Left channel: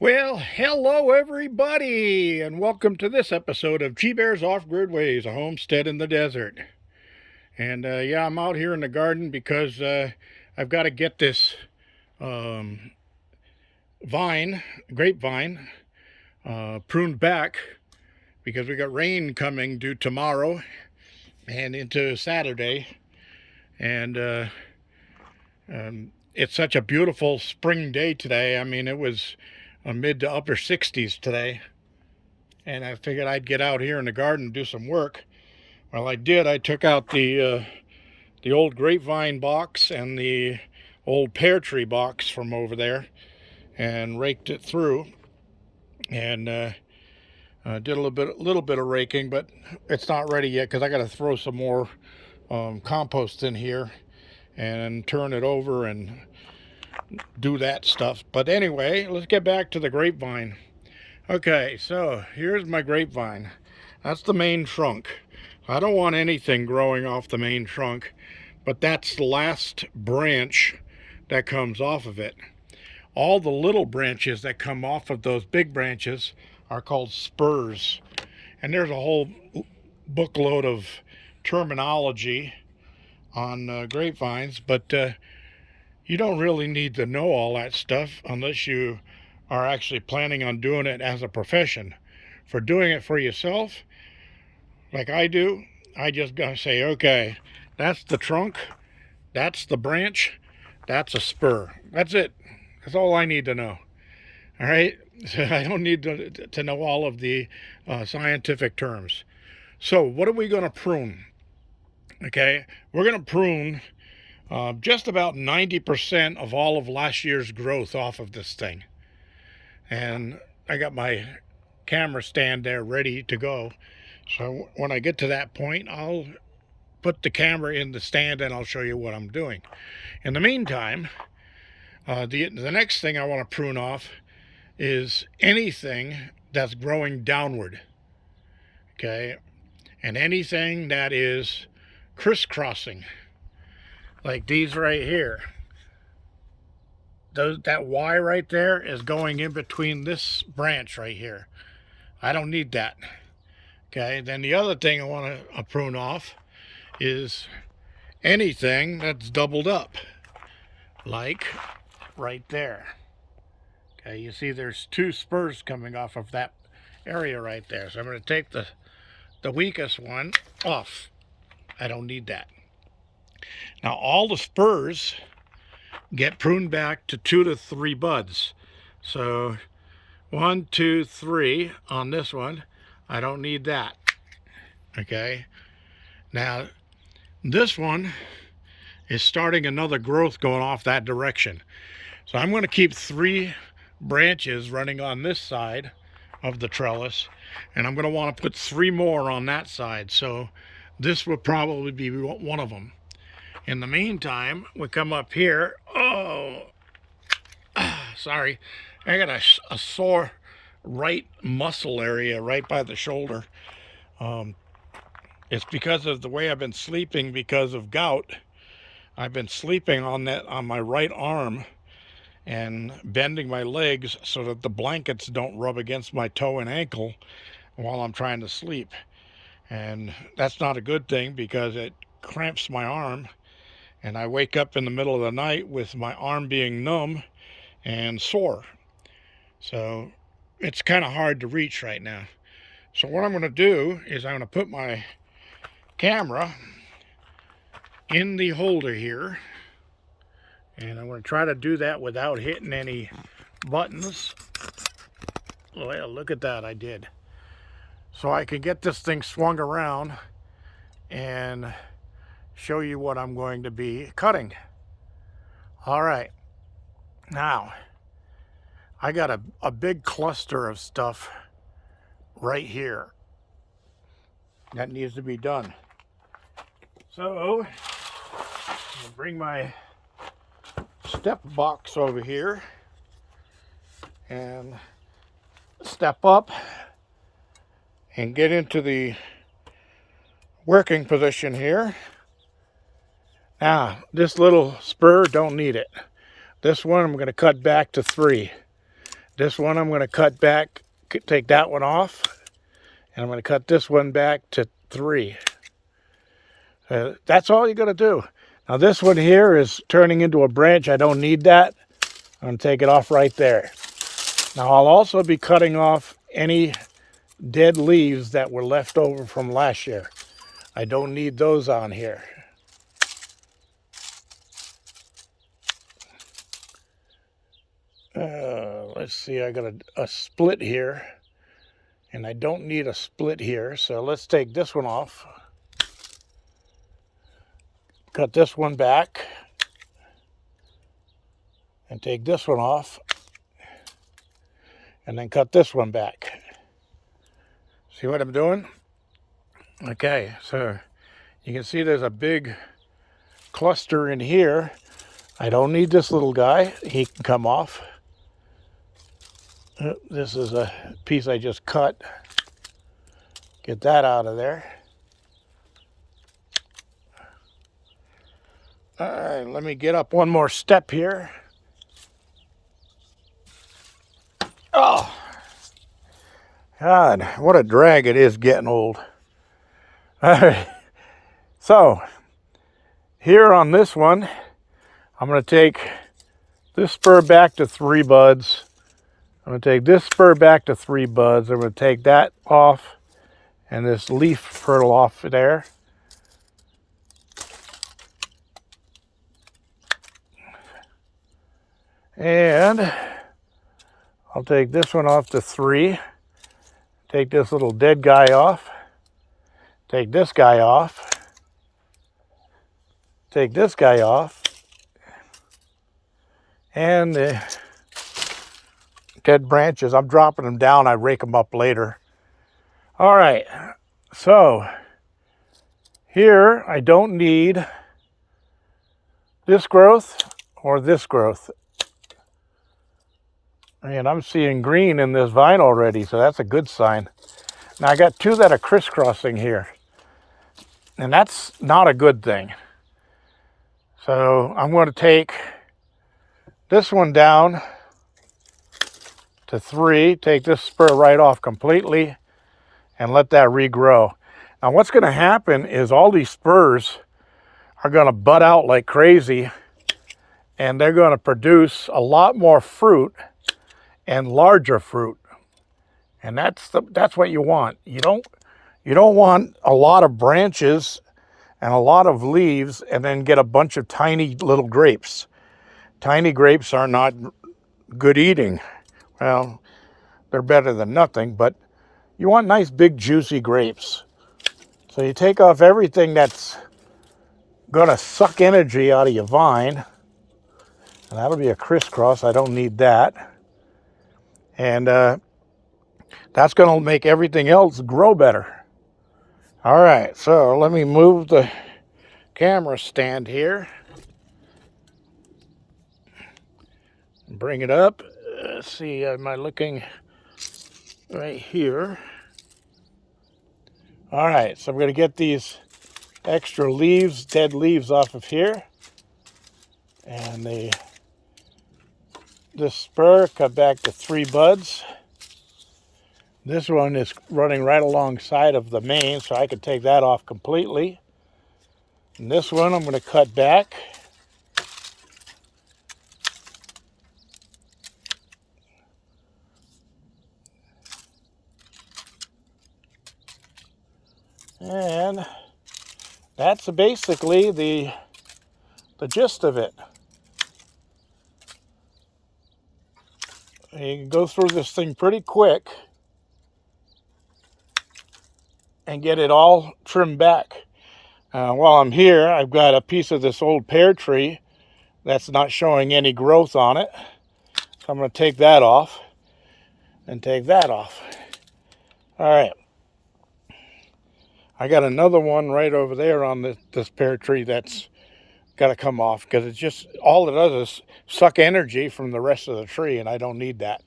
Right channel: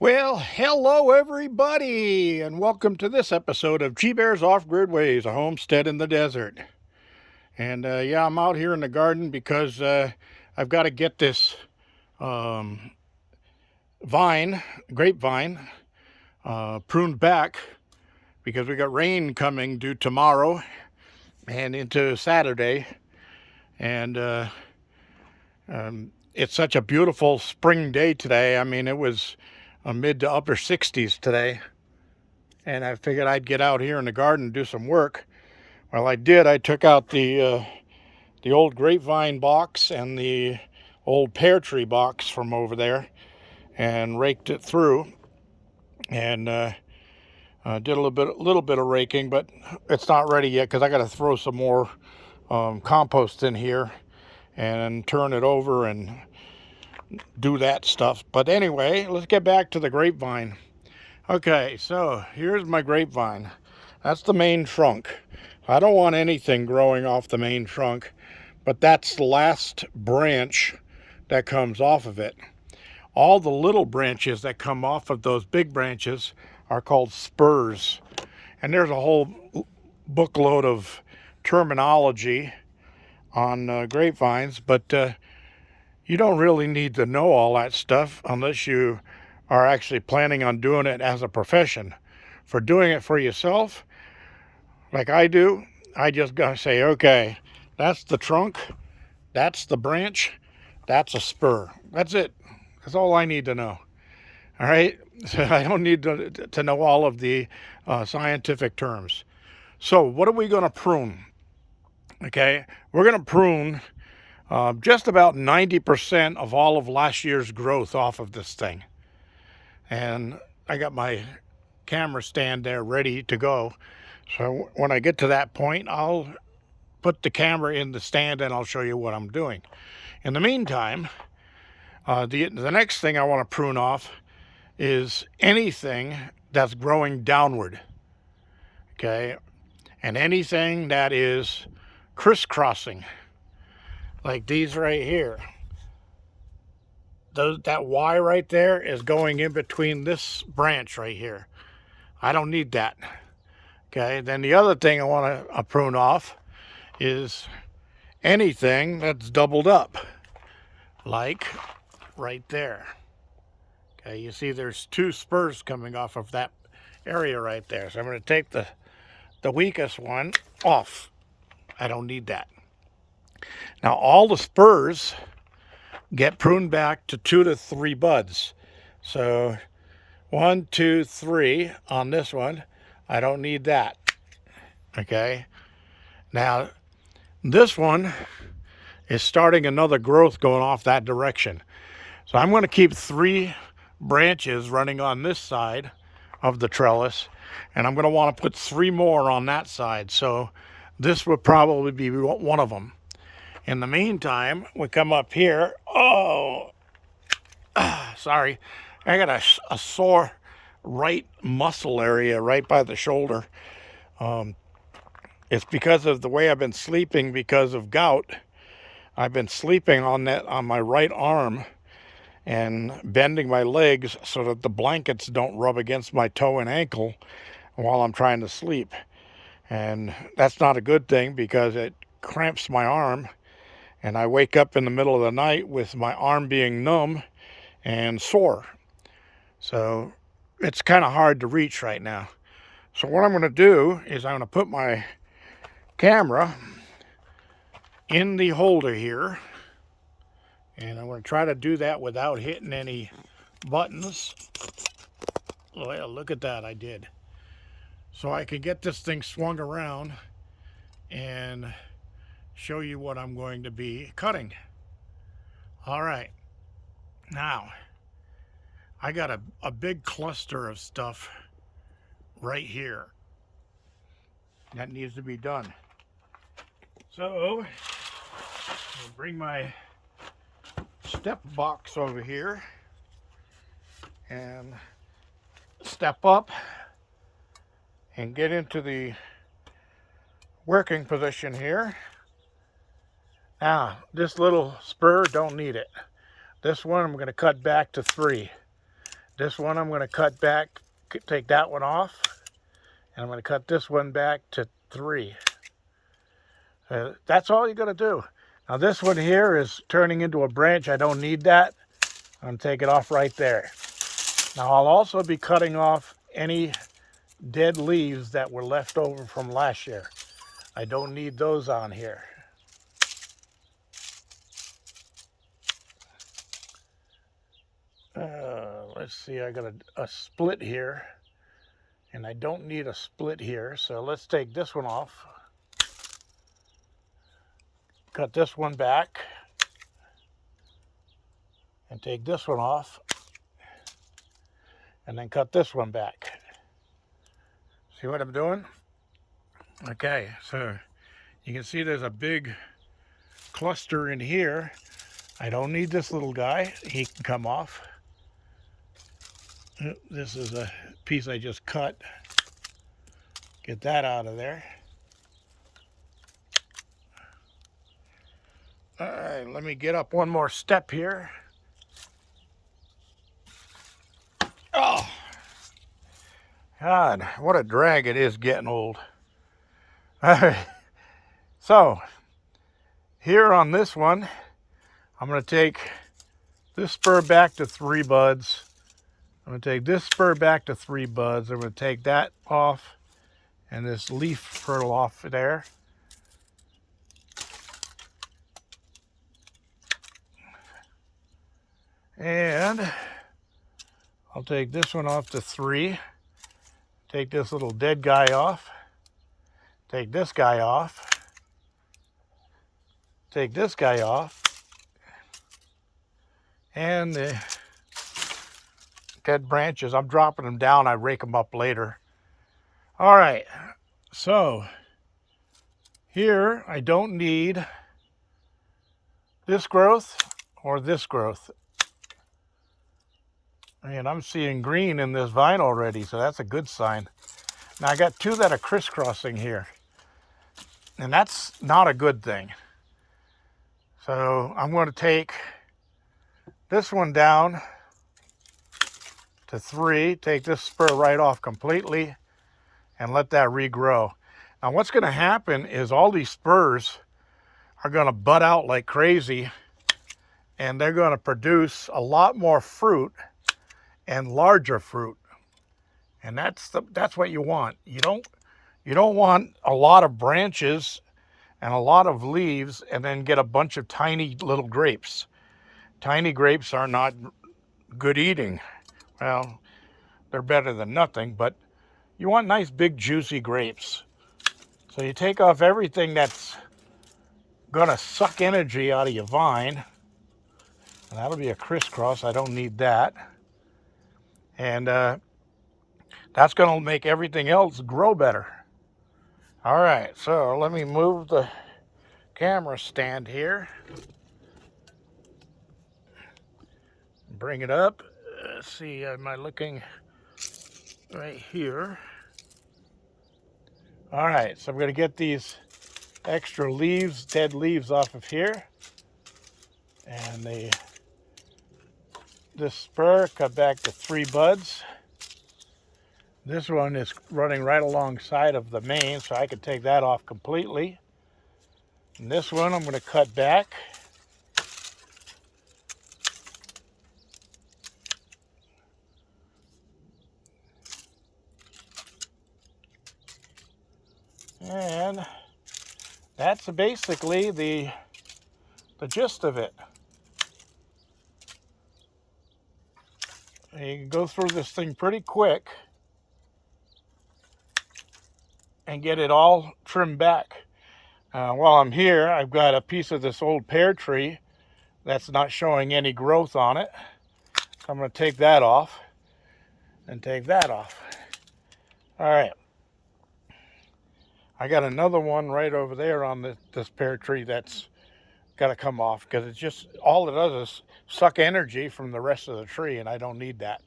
Well, hello everybody, and welcome to this episode of G-Bear's Off-Grid Ways, a homestead in the desert. And yeah, I'm out here in the garden because I've got to get this um, grapevine, pruned back because we got rain coming due tomorrow and into Saturday. And it's such a beautiful spring day today. I mean, it was a mid to upper 60s today. And I figured I'd get out here in the garden and do some work. Well, I did. I took out the old grapevine box and the old pear tree box from over there and raked it through, and did a little bit of raking, but it's not ready yet because I got to throw some more compost in here and turn it over and do that stuff. But anyway, let's get back to the grapevine. Okay, so here's my grapevine. That's the main trunk. I don't want anything growing off the main trunk, but that's the last branch that comes off of it. All the little branches that come off of those big branches are called spurs. And there's a whole bookload of terminology on grapevines, but you don't really need to know all that stuff unless you are actually planning on doing it as a profession. For doing it for yourself, like I do, I just gotta say, okay, that's the trunk, that's the branch, that's a spur. That's it. That's all I need to know. All right? I don't need to know all of the scientific terms. So what are we going to prune? Okay, we're going to prune just about 90% of all of last year's growth off of this thing. And I got my camera stand there ready to go. So when I get to that point, I'll put the camera in the stand and I'll show you what I'm doing. In the meantime, the next thing I want to prune off is anything that's growing downward, okay? And anything that is crisscrossing, like these right here. That Y right there is going in between this branch right here. I don't need that. Okay, then the other thing I want to prune off is anything that's doubled up, like right there. Okay, you see there's two spurs coming off of that area right there. So I'm going to take the weakest one off. I don't need that. Now all the spurs get pruned back to 2 to 3 buds. So 1, 2, 3 on this one. I don't need that. Okay. Now this one is starting another growth going off that direction. So I'm going to keep 3 branches running on this side of the trellis, and I'm going to want to put 3 more on that side. So this would probably be one of them. In the meantime, we come up here. Oh, sorry. I got a sore right muscle area right by the shoulder. It's because of the way I've been sleeping because of gout. I've been sleeping on my right arm and bending my legs so that the blankets don't rub against my toe and ankle while I'm trying to sleep. And that's not a good thing because it cramps my arm. And I wake up in the middle of the night with my arm being numb and sore. So it's kind of hard to reach right now. So what I'm going to do is I'm going to put my camera in the holder here. And I'm going to try to do that without hitting any buttons. Well, look at that, I did. So I can get this thing swung around and show you what I'm going to be cutting. All right, now I got a big cluster of stuff right here that needs to be done. So I'll bring my step box over here and step up and get into the working position here. Now, this little spur, don't need it. This one I'm going to cut back to 3. This one I'm going to cut back, take that one off, and I'm going to cut this one back to 3. That's all you're going to do. Now this one here is turning into a branch. I don't need that. I'm going to take it off right there. Now I'll also be cutting off any dead leaves that were left over from last year. I don't need those on here. Let's see, I got a split here, and I don't need a split here, so let's take this one off. Cut this one back, and take this one off, and then cut this one back. See what I'm doing? Okay, so you can see there's a big cluster in here. I don't need this little guy. He can come off. This is a piece I just cut. Get that out of there. All right, let me get up one more step here. Oh, God, what a drag it is getting old. All right, so here on this one, I'm going to take this spur back to 3 buds. I'm going to take this spur back to 3 buds. I'm going to take that off and this leaf fertile off there. And I'll take this one off to 3. Take this little dead guy off. Take this guy off. Take this guy off. And the dead branches, I'm dropping them down. I rake them up later. All right, so here I don't need this growth or this growth. And I'm seeing green in this vine already, so that's a good sign. Now I got 2 that are crisscrossing here, and that's not a good thing. So I'm going to take this one down to 3, take this spur right off completely, and let that regrow. Now what's going to happen is all these spurs are going to bud out like crazy, and they're going to produce a lot more fruit and larger fruit. And that's what you want. You don't want a lot of branches and a lot of leaves and then get a bunch of tiny little grapes. Tiny grapes are not good eating. Well, they're better than nothing, but you want nice big juicy grapes. So you take off everything that's gonna suck energy out of your vine. And that'll be a crisscross. I don't need that. And that's gonna make everything else grow better. All right, so let me move the camera stand here. Bring it up. Let's see, am I looking right here? All right, so I'm going to get these extra leaves, dead leaves off of here. And this spur cut back to 3 buds. This one is running right alongside of the main, so I can take that off completely. And this one I'm going to cut back. And that's basically the gist of it. You can go through this thing pretty quick and get it all trimmed back. While I'm here, I've got a piece of this old pear tree that's not showing any growth on it. So I'm going to take that off and take that off. All right. I got another one right over there on this pear tree that's got to come off, because it's just, all it does is suck energy from the rest of the tree, and I don't need that.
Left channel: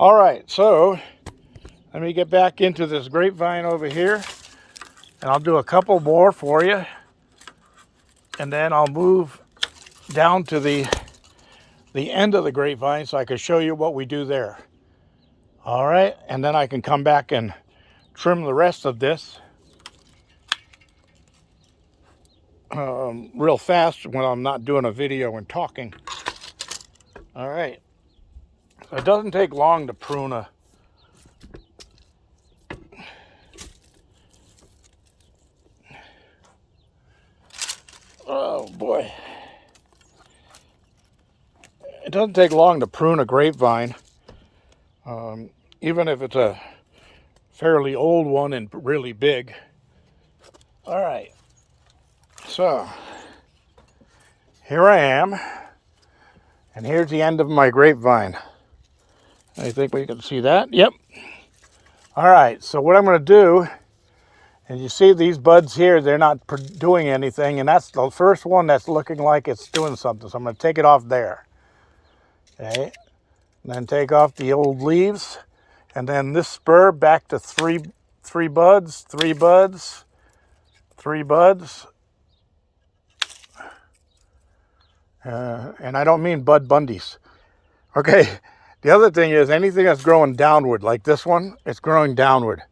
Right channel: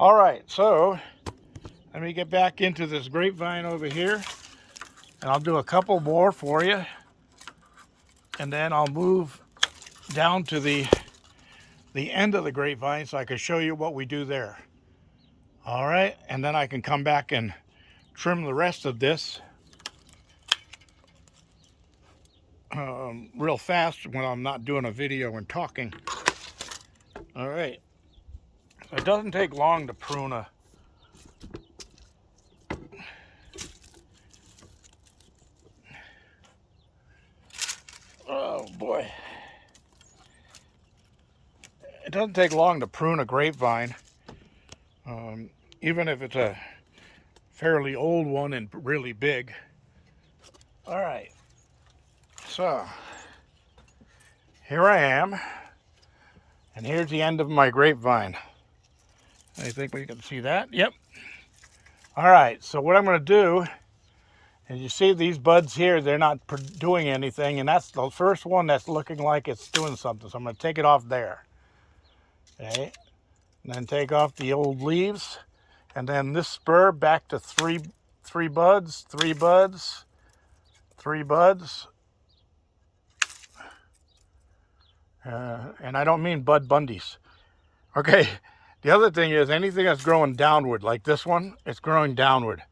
All right, so let me get back into this grapevine over here, and I'll do a couple more for you, and then I'll move down to the end of the grapevine so I can show you what we do there. All right, and then I can come back and trim the rest of this real fast when I'm not doing a video and talking. All right, so it doesn't take long to prune a oh boy, it doesn't take long to prune a grapevine, even if it's a fairly old one and really big. All right, so here I am, and here's the end of my grapevine. I think we can see that. Yep. All right, so what I'm going to do, and you see these buds here, they're not doing anything, and that's the first one that's looking like it's doing something. So I'm going to take it off there. Okay, and then take off the old leaves, and then this spur back to three buds, three buds, three buds. And I don't mean Bud Bundies. Okay, the other thing is anything that's growing downward, like this one, it's growing downward.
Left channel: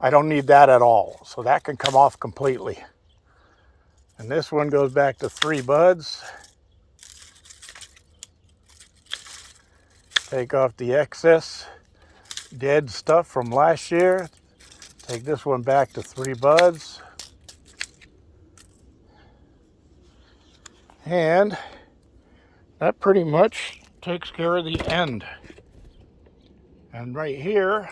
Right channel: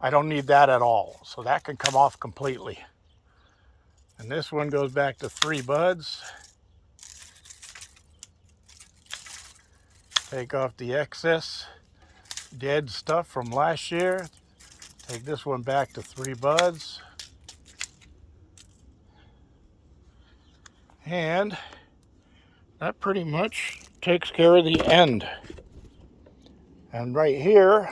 I don't need that at all, so that can come off completely. And this one goes back to three buds. Take off the excess dead stuff from last year. Take this one back to three buds. And that pretty much takes care of the end. And right here,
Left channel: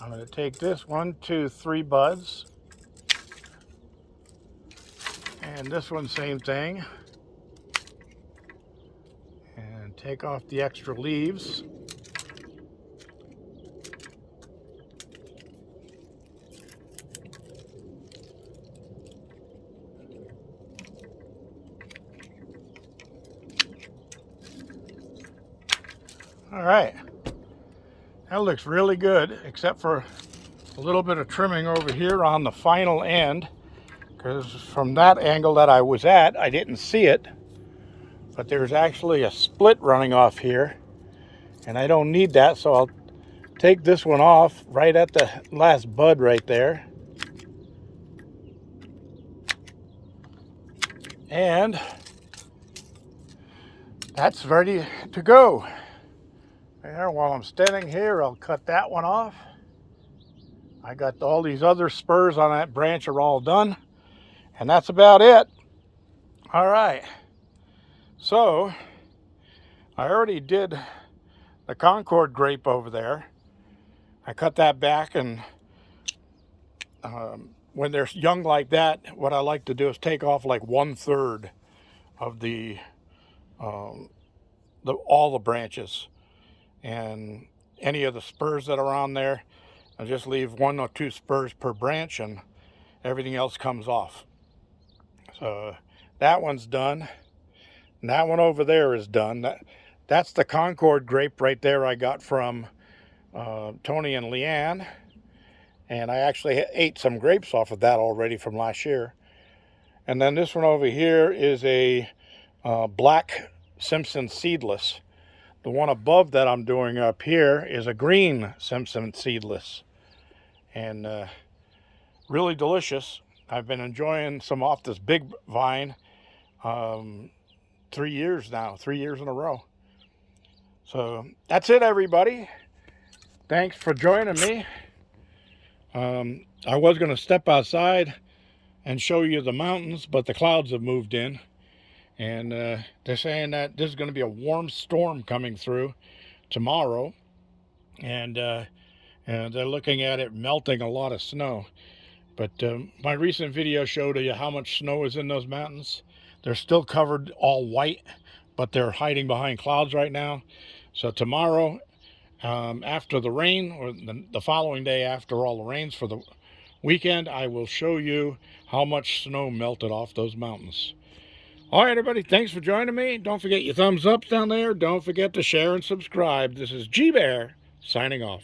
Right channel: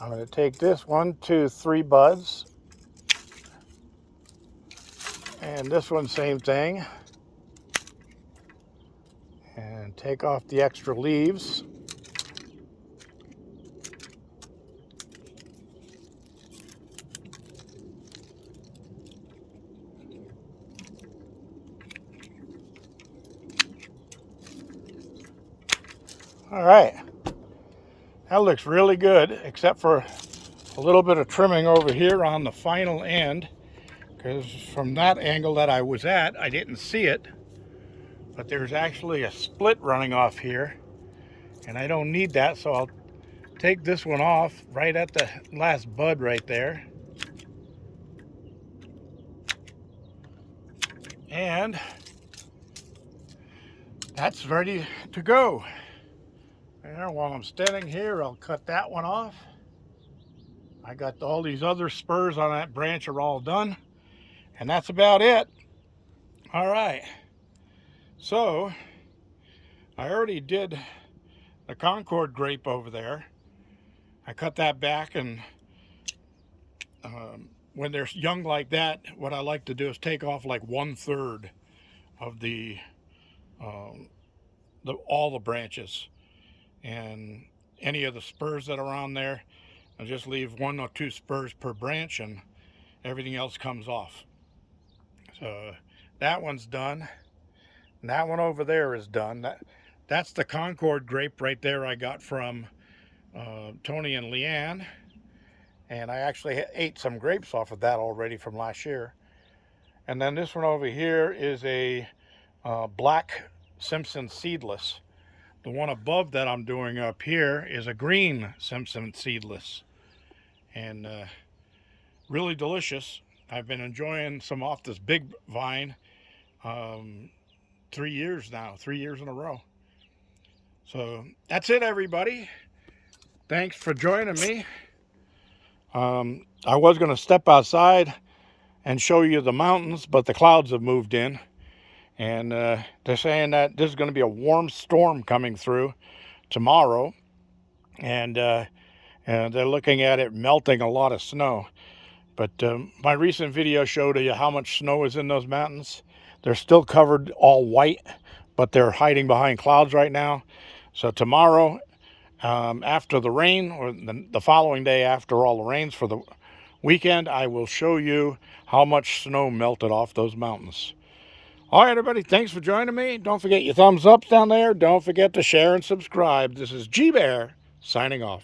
I'm going to take this 1, 2, 3 buds. And this one, same thing. And take off the extra leaves. All right, that looks really good, except for a little bit of trimming over here on the final end, because from that angle that I was at, I didn't see it, but there's actually a split running off here, and I don't need that, so I'll take this one off right at the last bud right there. And that's ready to go. There, while I'm standing here, I'll cut that one off. I got all these other spurs on that branch are all done. And that's about it. All right. So, I already did the Concord grape over there. I cut that back, and when they're young like that, what I like to do is take off like 1/3 of all the branches. And any of the spurs that are on there, I just leave 1 or 2 spurs per branch, and everything else comes off. So that one's done, and that one over there is done. That's the Concord grape right there I got from Tony and Leanne, and I actually ate some grapes off of that already from last year. And then this one over here is a black Simpson seedless. The one above that I'm doing up here is a green Simpson seedless, and really delicious. I've been enjoying some off this big vine 3 years now, 3 years in a row. So that's it, everybody. Thanks for joining me. I was going to step outside and show you the mountains, but the clouds have moved in. And they're saying that this is going to be a warm storm coming through tomorrow. And they're looking at it melting a lot of snow. But my recent video showed you how much snow is in those mountains. They're still covered all white, but they're hiding behind clouds right now. So tomorrow, after the rain, or the following day after all the rains for the weekend, I will show you how much snow melted off those mountains. All right, everybody, thanks for joining me. Don't forget your thumbs up down there. Don't forget to share and subscribe. This is G Bear signing off.